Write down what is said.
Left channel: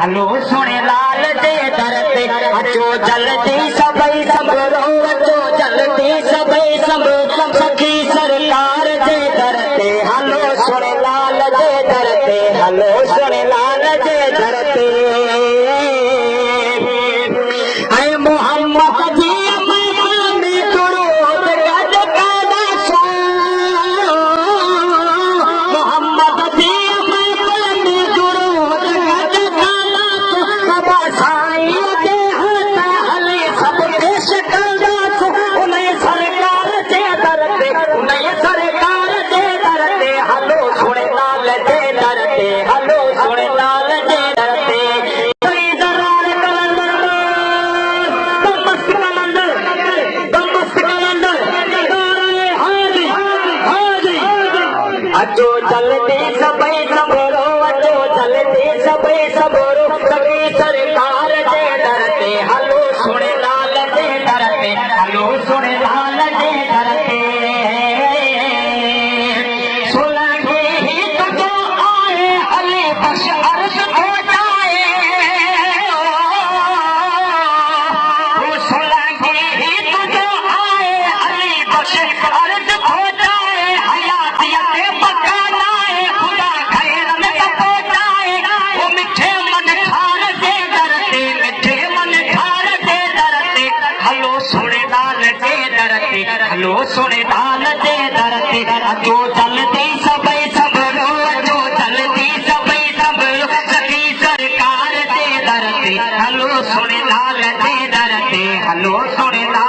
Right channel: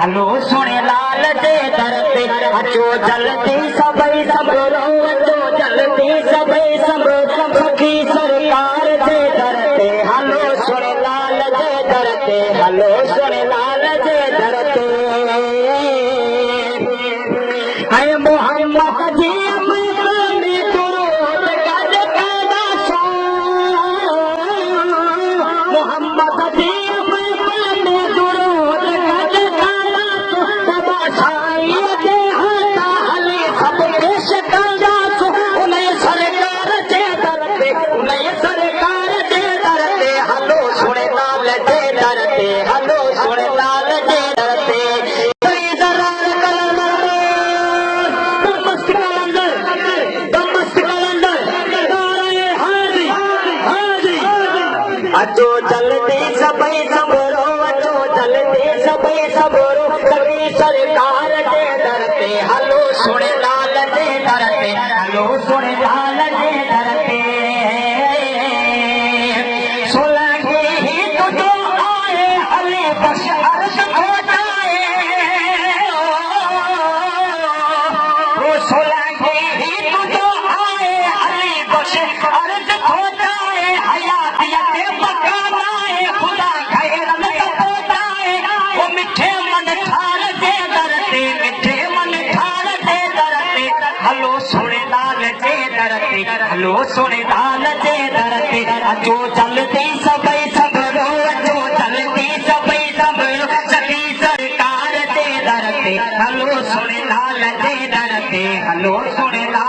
हलो सोने लाल जे दर ते अचो जल्दी सभई सबरो अचो जल्दी सभई सबरो सखी सरकार जे दर ते हलो सोने लाल जे दर ते हलो सोने लाल जे दर ते ऐ मोहम्मद जी में करो गज पैदा सो मोहम्मद जी अचो जल्दी सभई सबरो अचो जल्दी सभई सबरो सभी सरकार जे दर ते हलो सोने लाल जे दर ते हलो सोने लाल जे दर ते सोलंगी ही तुझो आए हले बश अर्श हो जाए सोलंगी ही तुझो आए हले बश अर्श हो जाए हयातिया हलो सोने लाल जे दर ते हलो सोने लाल जे दर ते अचो जल्दी सभई सबरो अचो जल्दी सभई सबरो सभी सरकार जे दर ते हलो सोने लाल जे दर ते हलो सोने लाल